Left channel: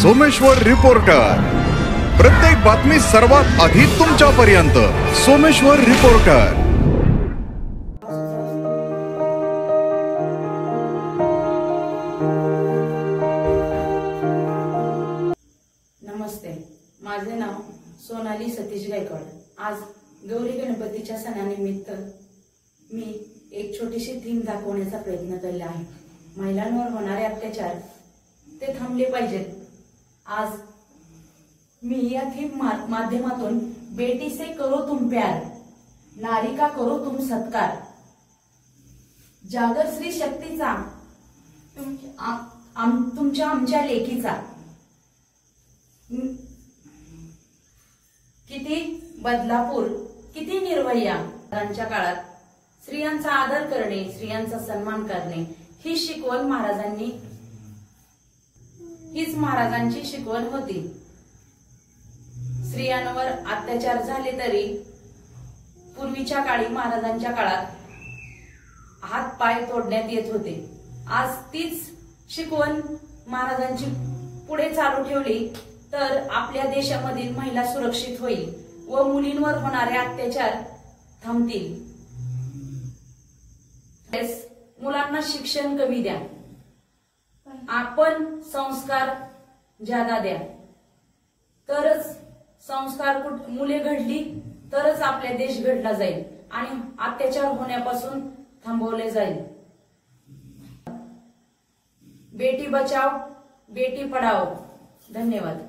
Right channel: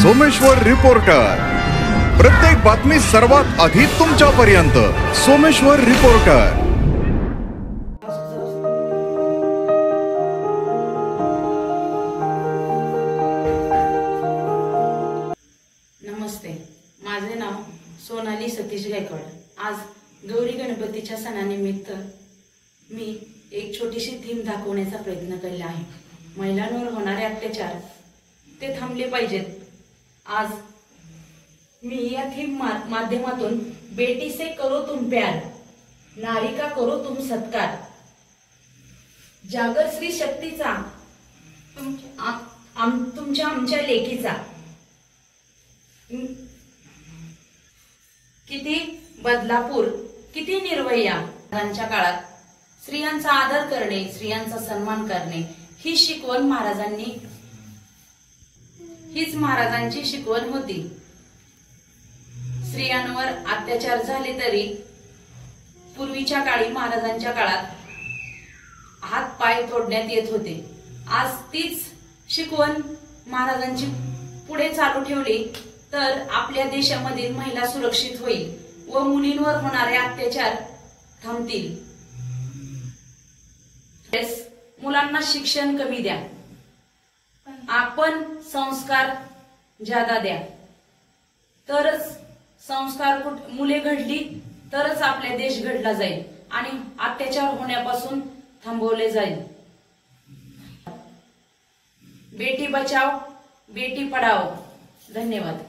Someshwar reporter, प्रत्येक बातमी सर्वात आधी तुमच्यापर्यंत। सोमेश्वर रिपोर्टर। नमस्ते, माझे नाव सोनाली सतीश गायकवाड। आज गौरी गणपतीच्या सणानिमित्त मी एक छोटीशी थीम दाखवण्याचा प्रयत्न केला आहे। महिलांवर होणारे अत्याचार ते थांबले पाहिजेत। आज मी या थीम माध्यमातून बेटी से करो तुम प्यार, नारी का करो तुम सत्कार, जागर स्त्री शक्तीचा, तुमच्या आमच्या लेकीचा। किती बदलापूर, किती निर्भया। महाराजांच्या काळात स्त्रियांचा आदर करणे, स्त्रियांचा सन्मान करणे ही शिकवण हीच महाराजांची शिकवण होती। स्त्रियांवर अत्याचार झाले तरी पूर्वीच्या काळी महाराजांच्या काळात हात पाय तोडण्यात येत होते। आज तीच शिकवण महाराजांची पुढे चालू ठेवली तर आपल्या देशामधील महिला सुरक्षित होईल व मुलींवर होणारे अत्याचार थांबतील। मुलांना शिक्षण कमी द्या, आपण संस्कार ज्यादा द्या, तरच संस्कार मुले घडली तरच आपला देश घडला जाईल आणि अत्याचार होण्यापासून थांबवले जाईल। बेटी बचाओ बेटी पढाओ। धन्यवाद।